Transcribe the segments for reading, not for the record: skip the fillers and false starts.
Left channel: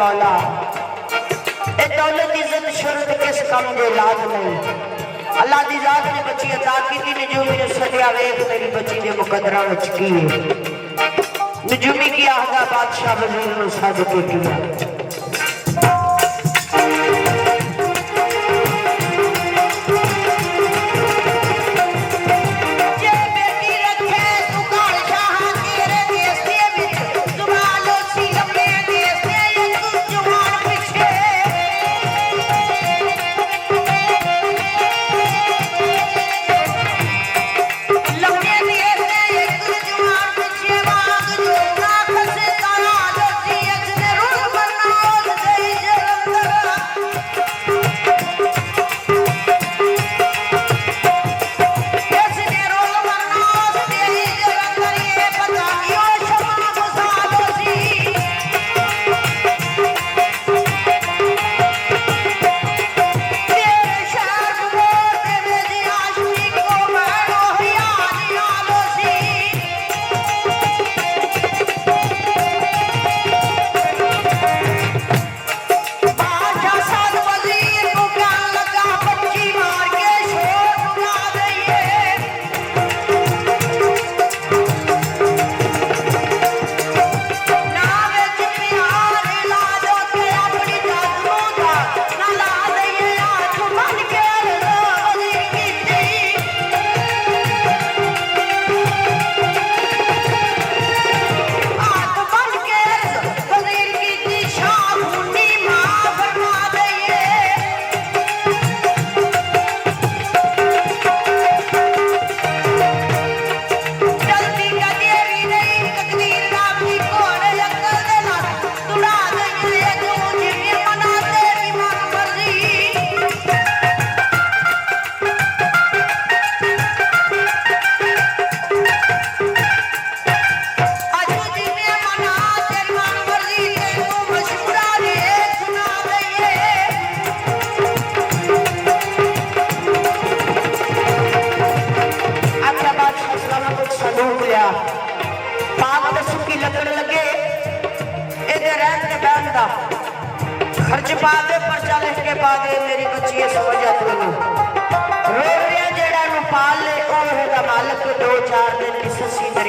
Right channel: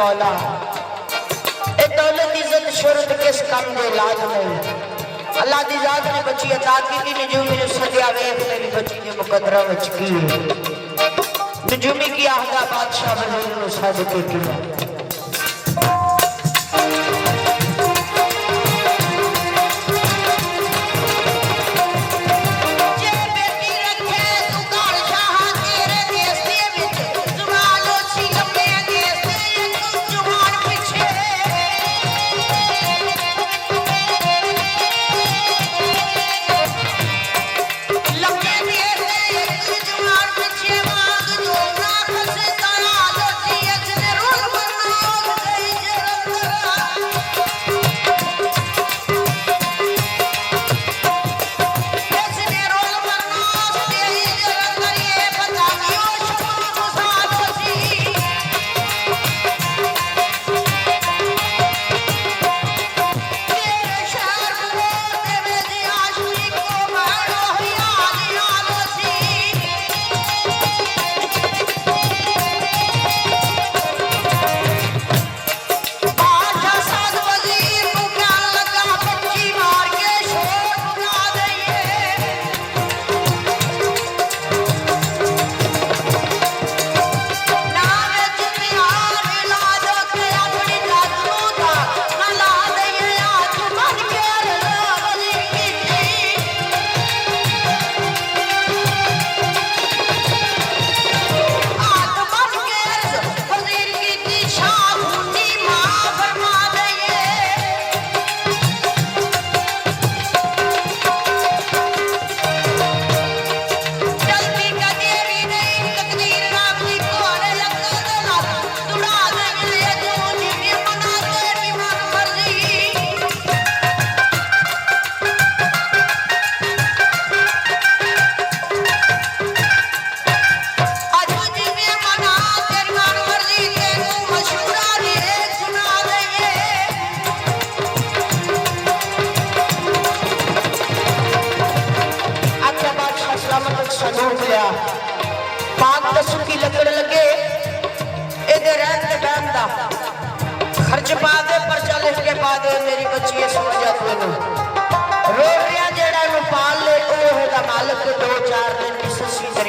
मौला ए दौलत इज्जत शोहरत किस काम दे लाद नहीं अल्लाह दी जात ने बच्ची अता कीती नजूमी सदिया वेख तेरी बच्ची दे मुकद्दरा विच की नजूमी की आहदा बादशाह वजीर नु साजिद किया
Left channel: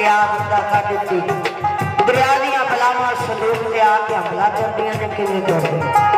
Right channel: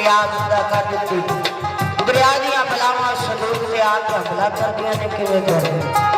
दरिया बंदा कर दी दरिया दियां फलावां सलूक ते आके हमला कर दिया ने किवें कर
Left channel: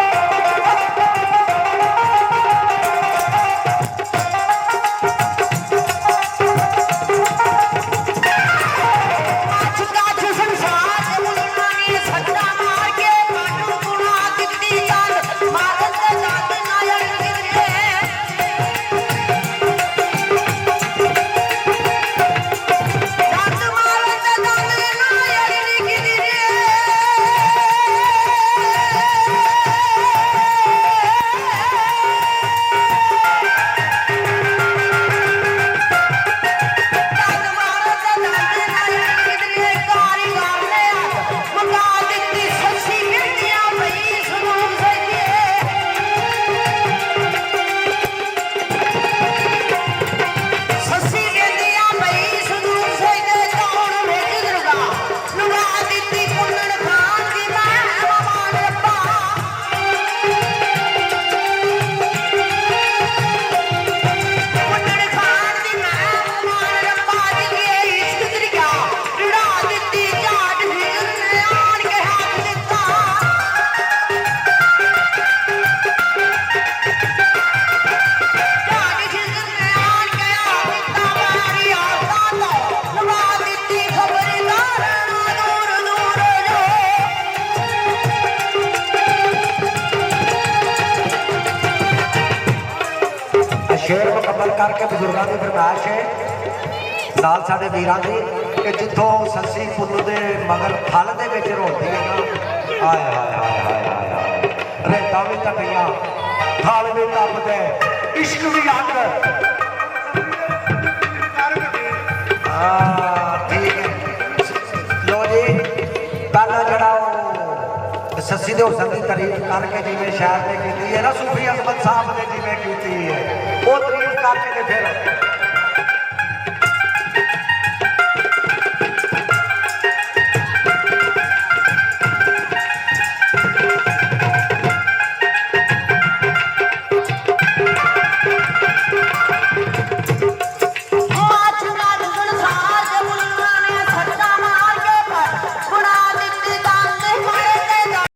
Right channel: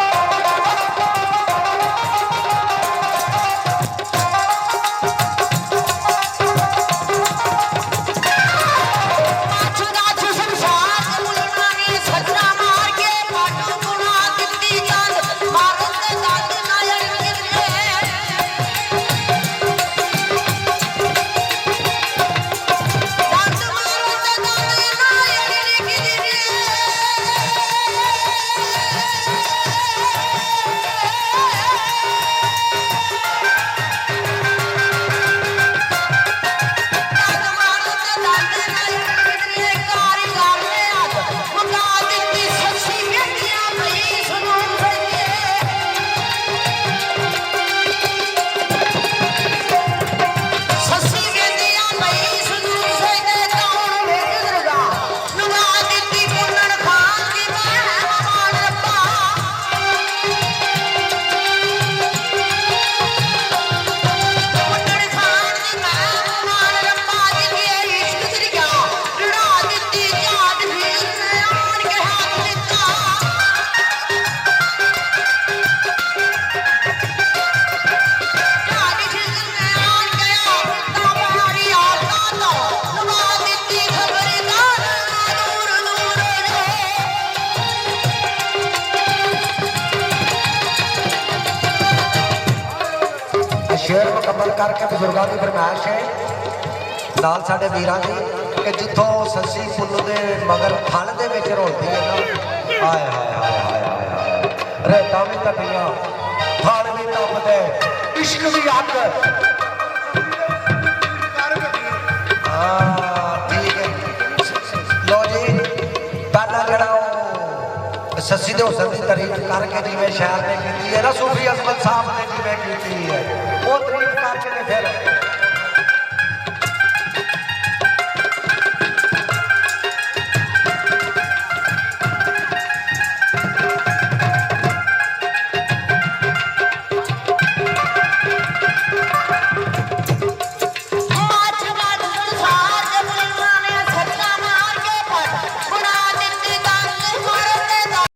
शेर मुकम्मल करके बुजुर्गों की फरमाइश है नाल साडे वीरां दी कि जिथों सस्सी पुन्नू दे मगर थल दे विच रोटी है ना हाय हाय हाय हाय हाय हाय रेता भी तपियां थल भी तपदे इश्क भी अग ठीक है लो जी ताना जड़ा सस्सी दे हुसन की तारीफ करके जिवें शायर ने कीती है ना सूफी अहमद साहब ने जिवें कीती है वो तारीफ करके फिर